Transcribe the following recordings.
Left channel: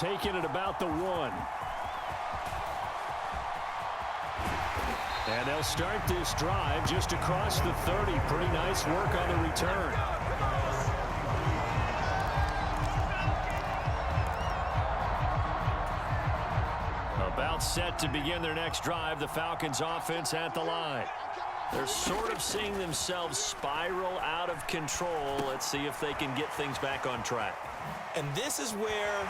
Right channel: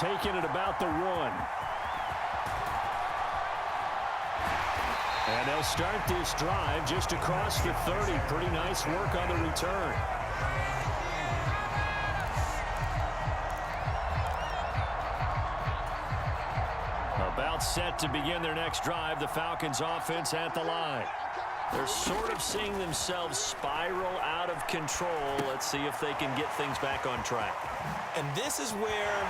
taken at about the 1. And they'll start this drive just across the 30. Pretty nice work on the return. About set to begin their next drive, the Falcons offense at the line. They're sort of seeing themselves spiral out of control. Let's see if they can get things back on track. And this is where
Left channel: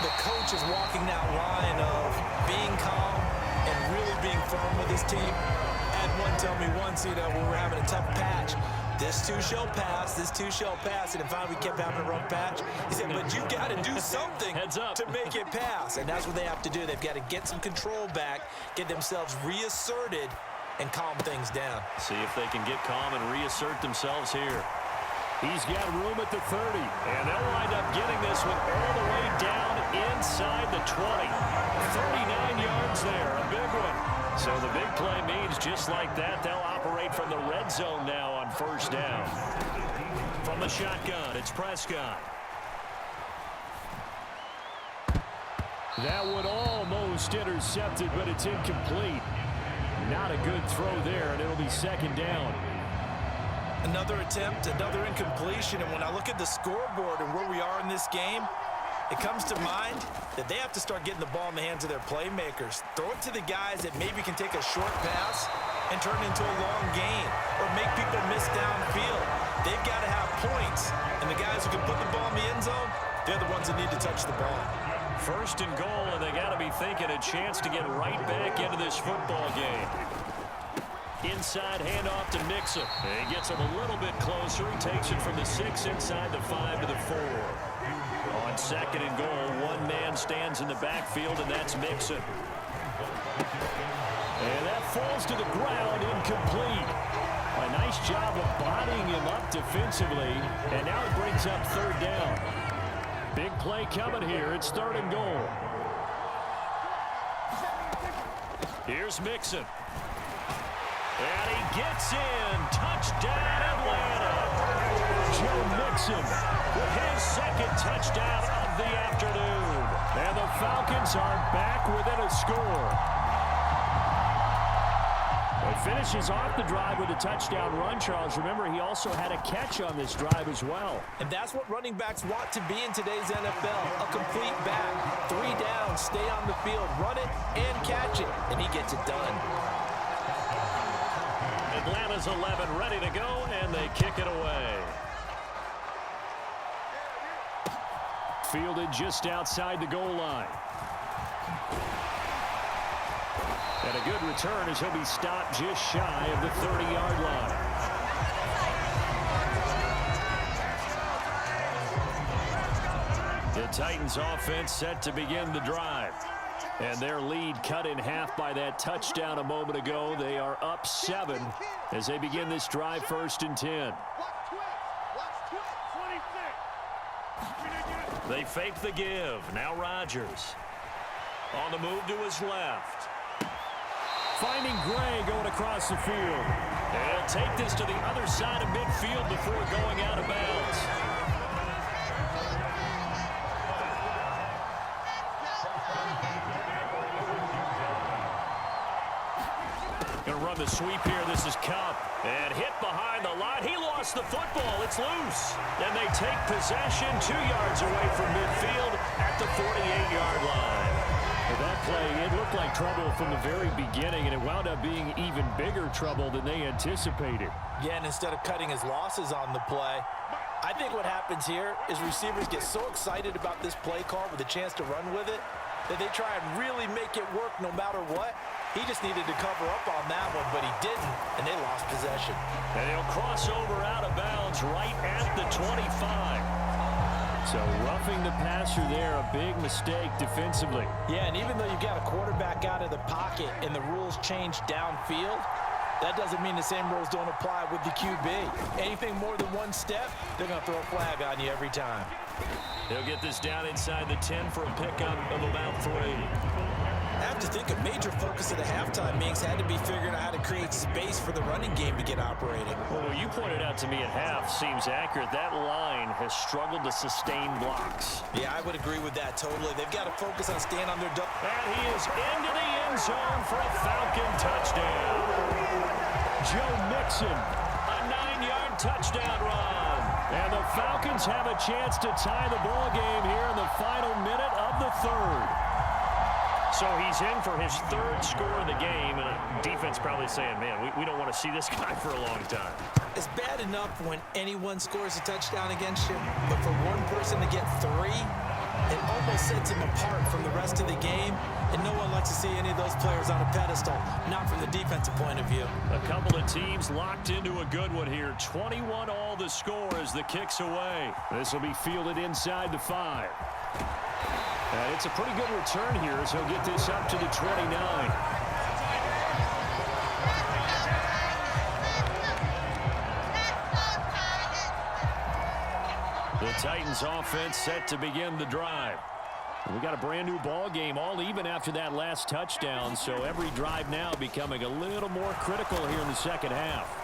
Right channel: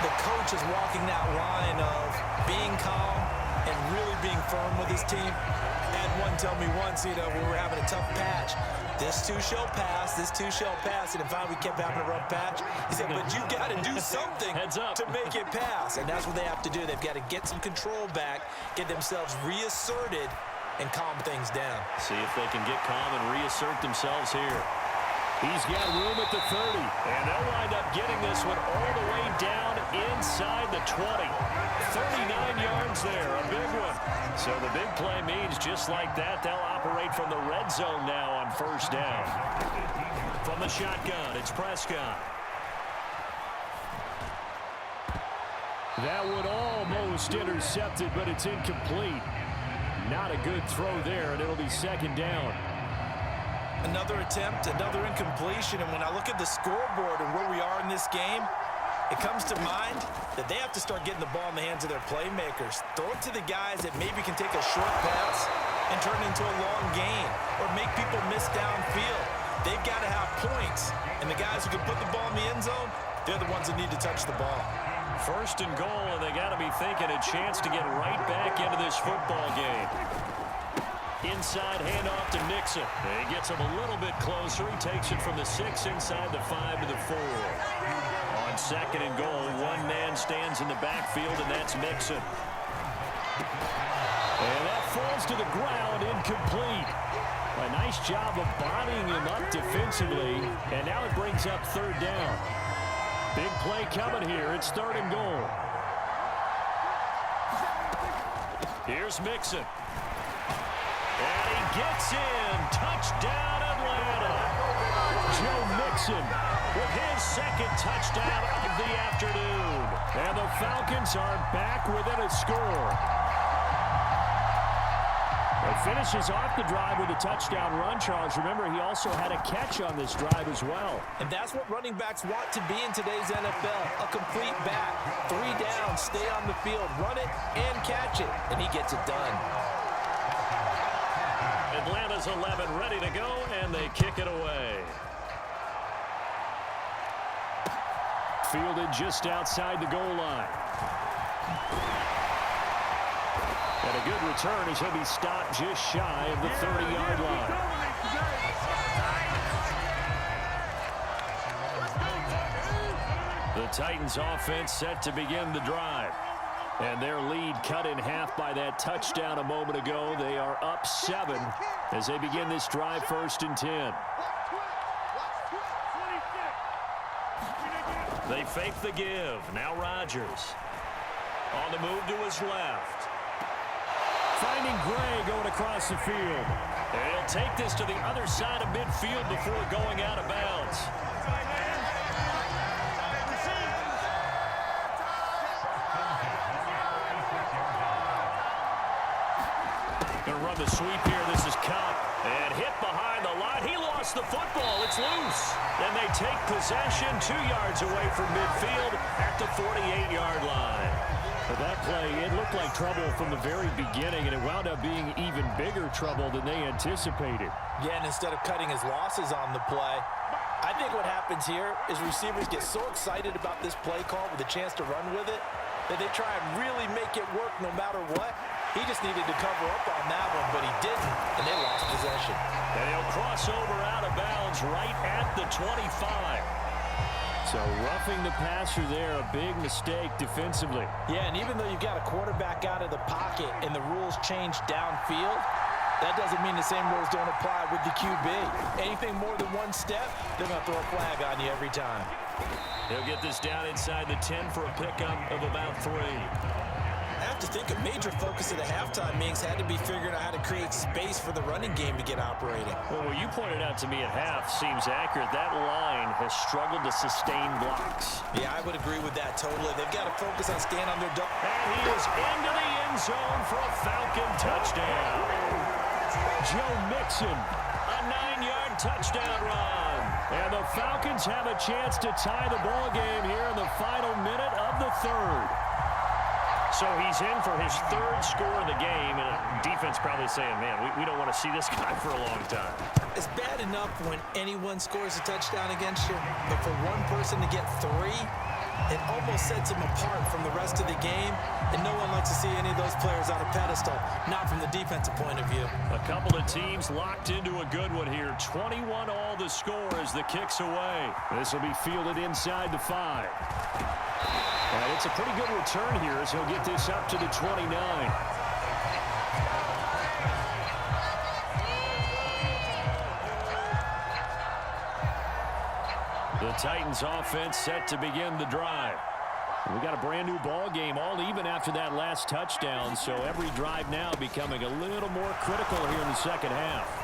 the coach is walking that line of being calm and really being firm with his team. I had one tell me once, when we were having a tough patch, this too shall pass, this too shall pass. And finally we kept having a rough patch. He said, but you got to do something to make it pass. And that's what they have to do. They've got to get some control back, get themselves reasserted, and calm things down. See if they can get calm and reassert themselves here. He's got room at the 30, and they'll wind up getting this one all the way down inside the 20. 39 yards there, a big one. So the big play means just like that, they'll operate from the red zone now on first down. From the shotgun, it's Prescott. That one almost intercepted, but it's incomplete. Not a good throw there, and it'll be second down. Another attempt, another incompletion, and when I look at the scoreboard and where we are in this game, it comes to mind that they have to start getting the ball in the hands of their playmakers. Throw it to the guys that maybe can take a short pass and turn it into a long gain or make people miss downfield. They've got to have points, and the guys who can put the ball in the end zone, they're the ones that need to touch the ball. First and goal, and they got to be thinking a chance to get right back into this football game. Inside handoff to Mixon. He gets him a little bit closer. He takes it from the 6 inside the 5 to the 4. On second and goal, one man stands in the backfield, and that's Mixon. And that falls to the ground, incomplete. A nice job of bodying him up defensively, and now it brings up third down. Big play coming here. It's third and goal. Here's Mixon. And he gets in. Touchdown, Atlanta. Joe Mixon with his second touchdown of the afternoon. And the Falcons are back within a score. He finishes off the drive with a touchdown run, Charles. Remember, he also had a catch on this drive as well. And that's what running backs want to be in today's NFL, a complete back. 3 down, stay on the field, run it, and catch it. And he gets it done. Atlanta's 11 ready to go, and they kick it away. Fielded just outside the goal line. And a good return as he'll be stopped just shy of the 30-yard line. The Titans offense set to begin the drive. And their lead cut in half by that touchdown a moment ago. They are up 7 as they begin this drive, first and 10. They fake the give. Now Rodgers. On the move to his left. Finding Gray going across the field. And he'll take this to the other side of midfield before going out of bounds. Going to run the sweep here. This is Cup. And hit behind the line. He lost the football. It's loose. And they take possession 2 yards away from midfield at the 48-yard line. For that play, it looked like trouble from the very beginning, and it wound up being even bigger trouble than they anticipated. Yeah, and instead of cutting his losses on the play, I think what happens here is receivers get so excited about this play call with a chance to run with it that they try and really make it work no matter what. He just needed to cover up on that one, but he didn't, and they lost possession. And he'll cross over out of bounds right at the 25. So roughing the passer there, a big mistake defensively. Yeah, and even though you've got a quarterback out of the pocket and the rules change downfield, that doesn't mean the same rules don't apply with the QB. Anything more than one step, they're going to throw a flag on you every time. He'll get this down inside the 10 for a pickup of about 3. have to think a major focus of the halftime meetings had to be figuring out how to create space for the running game to get operating. Well, what you pointed out to me at half seems accurate. That line has struggled to sustain blocks. Yeah, I would agree with that totally. They've got to focus on staying on their double. And he is into the end zone for a Falcon touchdown. Joe Mixon, a 9-yard touchdown run. And the Falcons have a chance to tie the ball game here in the final minute of the third. So he's in for his third score of the game, and defense probably saying, man, we don't want to see this guy for a long time. It's bad enough when anyone scores a touchdown against you, but for one person to get 3, it almost sets him apart from the rest of the game, and no one likes to see any of those players on a pedestal, not from the defensive point of view. A couple of teams locked into a good one here. 21 all the score as the kick's away. This will be fielded inside the 5. And it's a pretty good return here as he'll get this up to the 29. The Titans offense set to begin the drive. We got a brand new ball game, all even after that last touchdown, so every drive now becoming a little more critical here in the second half.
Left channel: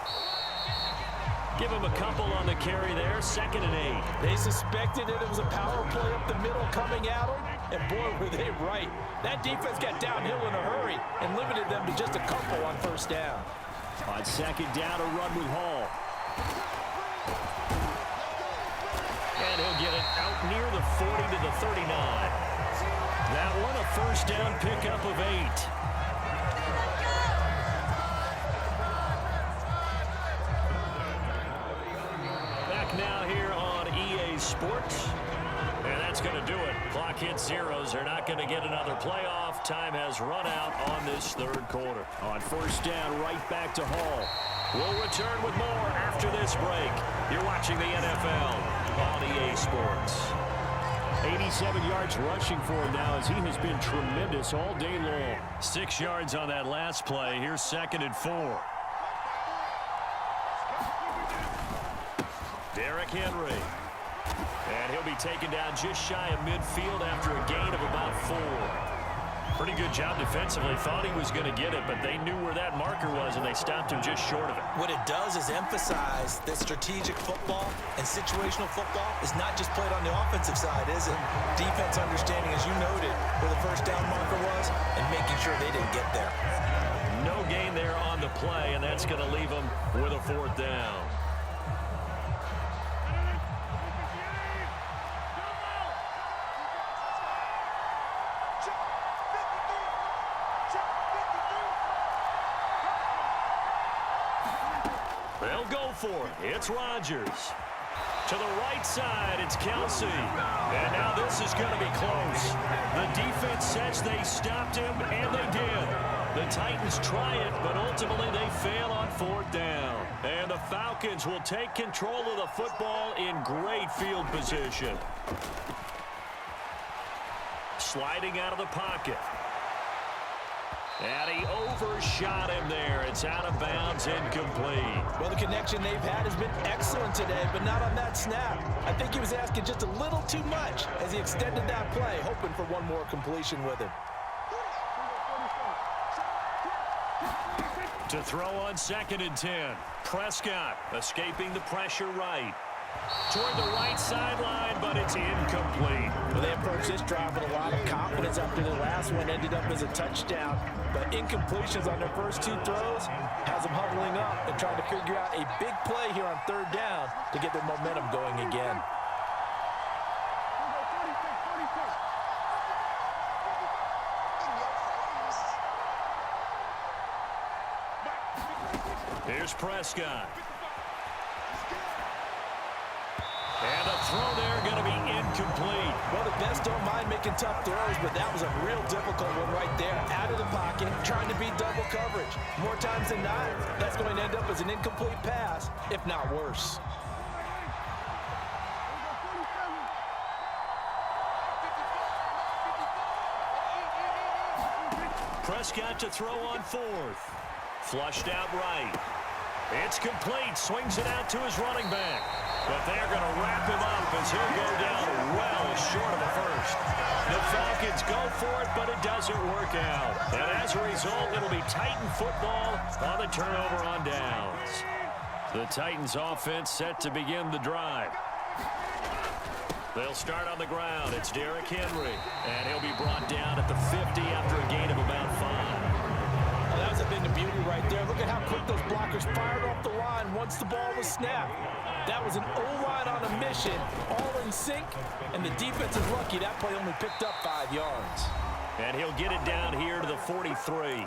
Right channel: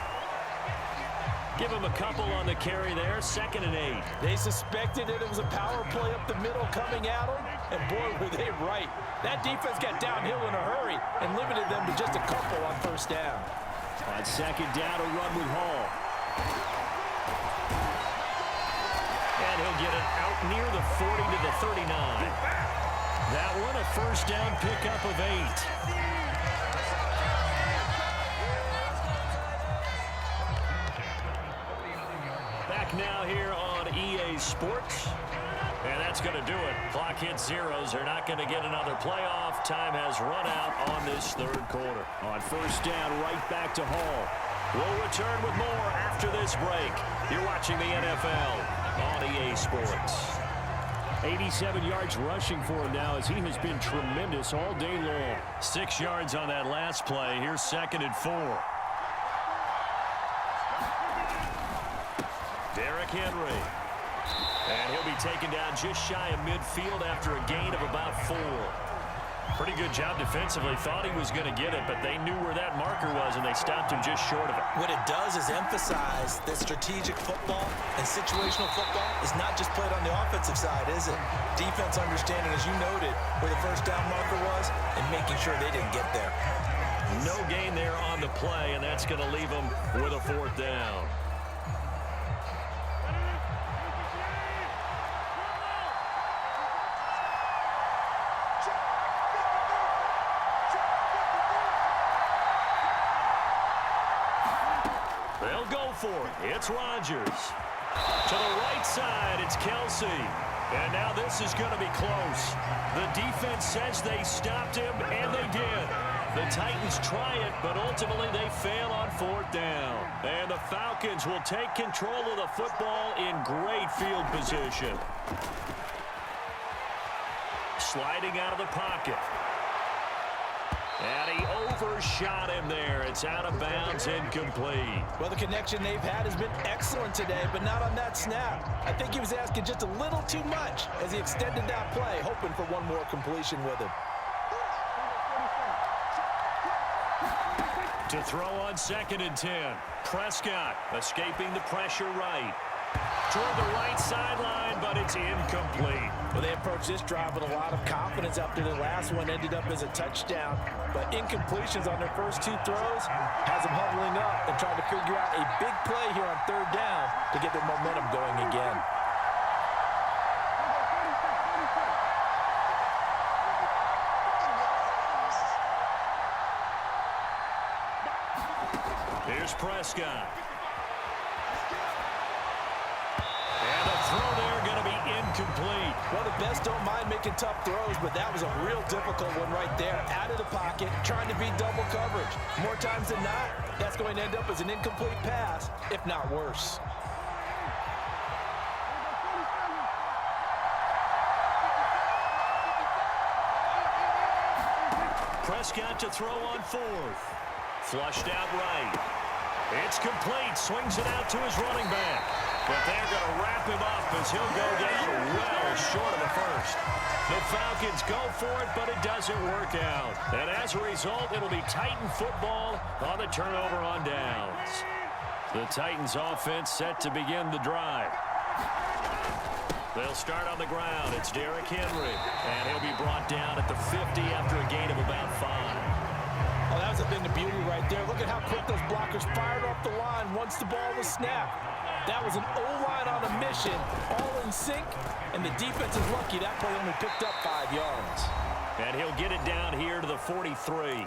Give him a couple on the carry there, 2nd and 8. They suspected that it was a power play up the middle coming at them, and boy, were they right. That defense got downhill in a hurry and limited them to just a couple on first down. On 2nd down, a run with Hall. And he'll get it out near the 40 to the 39. That one, a first down pickup of 8. Back now here on EA Sports. And that's going to do it. Clock hits zeros. They're not going to get another playoff. Time has run out on this third quarter. On first down, right back to Hall. We'll return with more after this break. You're watching the NFL on EA Sports. 87 yards rushing for him now as he has been tremendous all day long. 6 yards on that last play. Here's 2nd and 4. Derrick Henry. And he'll be taken down just shy of midfield after a gain of about 4. Pretty good job defensively. Thought he was going to get it, but they knew where that marker was, and they stopped him just short of it. What it does is emphasize that strategic football and situational football is not just played on the offensive side, is it? Defense understanding, as you noted, where the first down marker was and making sure they didn't get there. No gain there on the play, and that's going to leave them with a 4th down. They'll go for it. It's Rodgers. To the right side, it's Kelsey. And now this is going to be close. The defense says they stopped him, and they did. The Titans try it, but ultimately they fail on 4th down. And the Falcons will take control of the football in great field position. Sliding out of the pocket. And he overshot him there. It's out of bounds, incomplete. Well, the connection they've had has been excellent today, but not on that snap. I think he was asking just a little too much as he extended that play, hoping for one more completion with it. To throw on 2nd and 10. Prescott escaping the pressure right. Toward the right sideline, but it's incomplete. Well, they approached this drive with a lot of confidence after their last one ended up as a touchdown. But incompletions on their first 2 throws has them huddling up and trying to figure out a big play here on 3rd down to get their momentum going again. Here's Prescott. And the throw there going to be incomplete. Well, the best don't mind making tough throws, but that was a real difficult one right there. Out of the pocket, trying to beat double coverage. More times than not, that's going to end up as an incomplete pass, if not worse. Prescott to throw on 4th. Flushed out right. It's complete. Swings it out to his running back. But they're going to wrap him up as he'll go down well short of the first. The Falcons go for it, but it doesn't work out. And as a result, it'll be Titan football on the turnover on downs. The Titans offense set to begin the drive. They'll start on the ground. It's Derrick Henry, and he'll be brought down at the 50 after a gain of about 5. Oh, that was a thing of beauty right there. Look at how quick those blockers fired off the line once the ball was snapped. That was an O-line on a mission, all in sync, and the defense is lucky that play only picked up 5 yards. And he'll get it down here to the 43.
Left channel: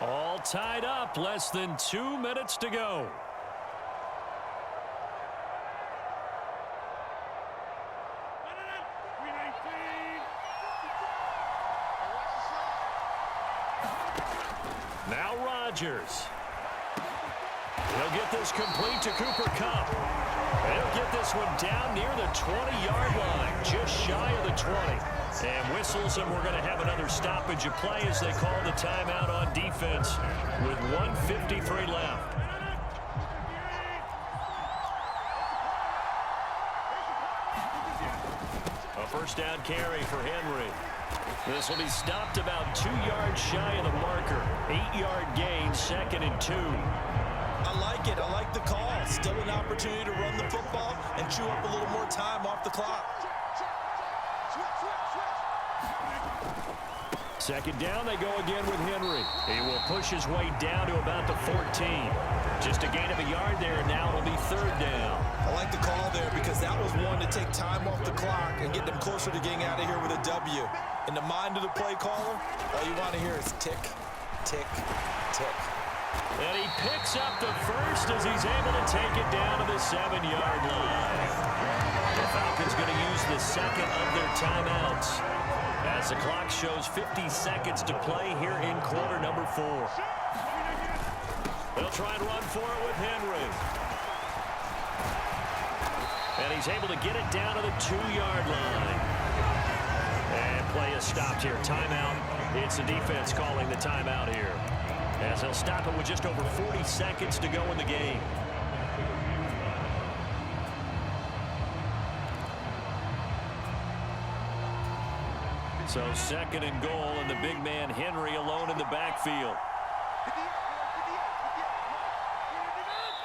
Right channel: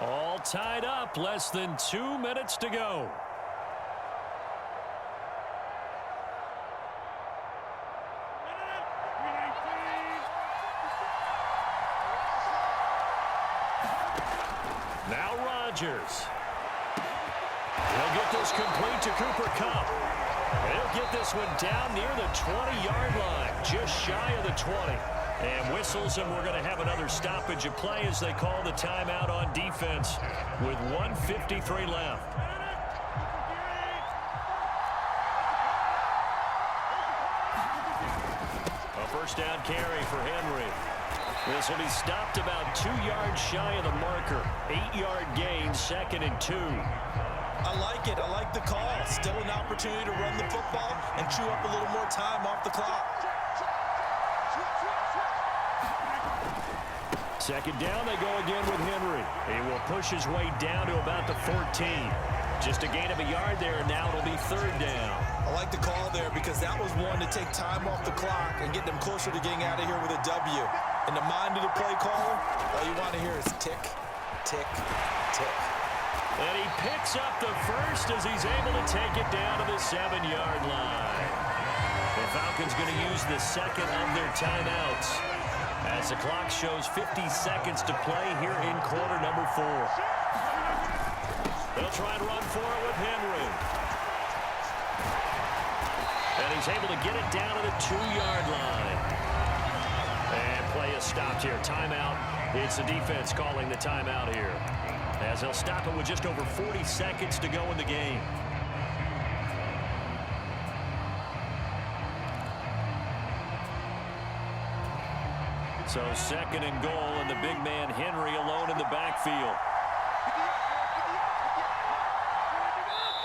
All tied up, less than 2 minutes to go. Now Rodgers. He'll get this complete to Cooper Kupp. And he'll get this one down near the 20-yard line, just shy of the 20. And whistles, and we're going to have another stoppage of play as they call the timeout on defense with 1:53 left. A first down carry for Henry. This will be stopped about 2 yards shy of the marker. 8-yard gain, 2nd and 2. I like it. I like the call. Still an opportunity to run the football and chew up a little more time off the clock. Second down, they go again with Henry. He will push his way down to about the 14. Just a gain of a yard there, and now it'll be 3rd down. I like the call there because that was one to take time off the clock and get them closer to getting out of here with a W. In the mind of the play caller, all you want to hear is tick, tick, tick. And he picks up the first as he's able to take it down to the 7-yard line. The Falcons going to use the second of their timeouts as the clock shows 50 seconds to play here in quarter number 4. They'll try and run for it with Henry. And he's able to get it down to the 2-yard line. And play is stopped here. Timeout. It's the defense calling the timeout here, as they'll stop it with just over 40 seconds to go in the game. So 2nd and goal, and the big man Henry alone in the backfield.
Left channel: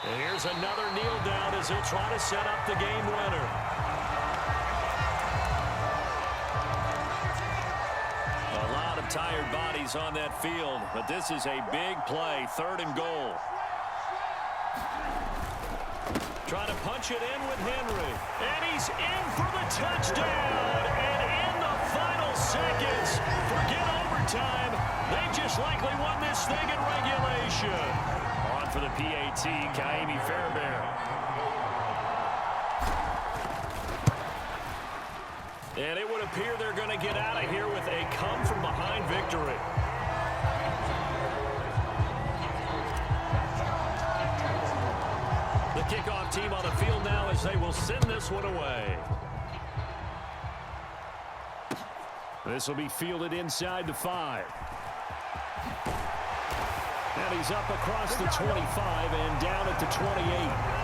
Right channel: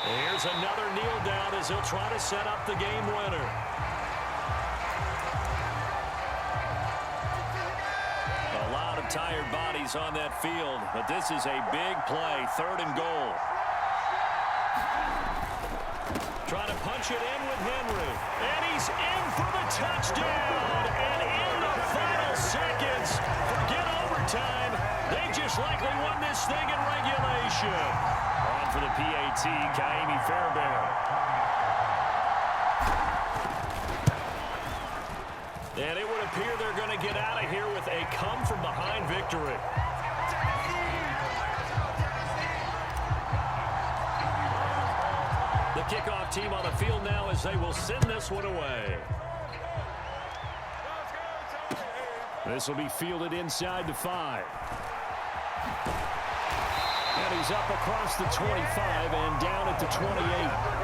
And here's another kneel down as he'll try to set up the game winner. A lot of tired bodies on that field, but this is a big play. 3rd and goal. Trying to punch it in with Henry. And he's in for the touchdown. And in the final seconds, forget overtime. They just likely won this thing in regulation. On for the PAT, Kaimi Fairbairn. And it would appear they're going to get out of here with a come-from-behind victory. The kickoff team on the field now as they will send this one away. This will be fielded inside the 5. And he's up across the 25 and down at the 28.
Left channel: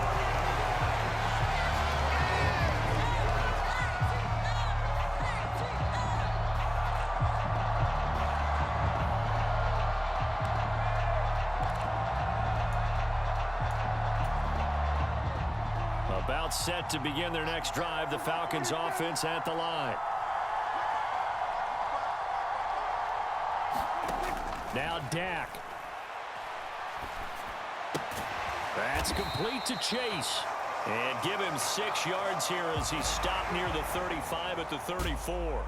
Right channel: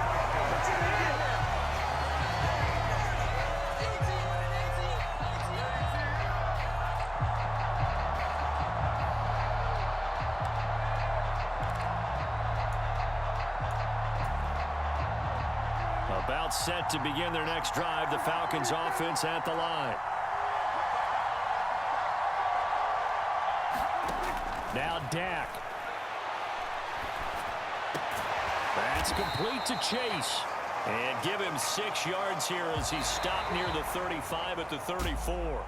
About set to begin their next drive, the Falcons offense at the line. Now Dak. That's complete to Chase. And give him 6 yards here as he stopped near the 35 at the 34.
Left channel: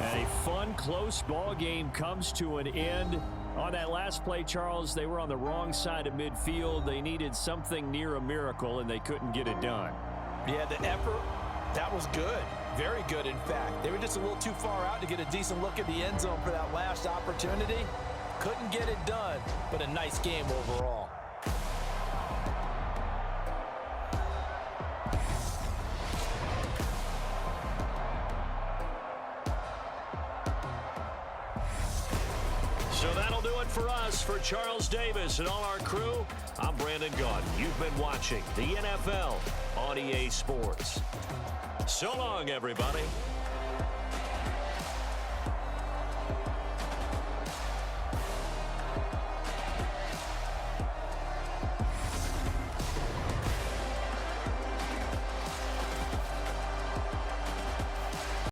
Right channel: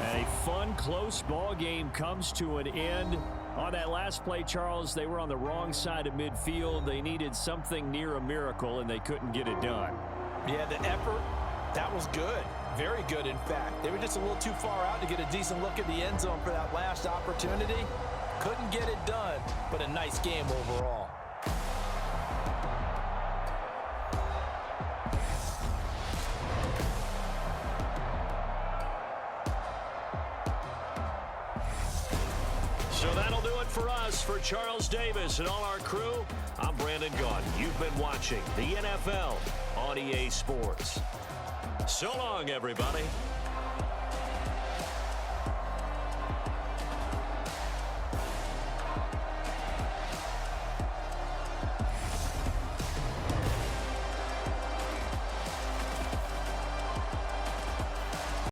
And a fun, close ball game comes to an end. On that last play, Charles, they were on the wrong side of midfield. They needed something near a miracle, and they couldn't get it done. Yeah, the effort, that was good. Very good, in fact. They were just a little too far out to get a decent look at the end zone for that last opportunity. Couldn't get it done, but a nice game overall. So that'll do it for us. For Charles Davis and all our crew, I'm Brandon Gaudin. You've been watching the NFL on EA Sports. So long, everybody.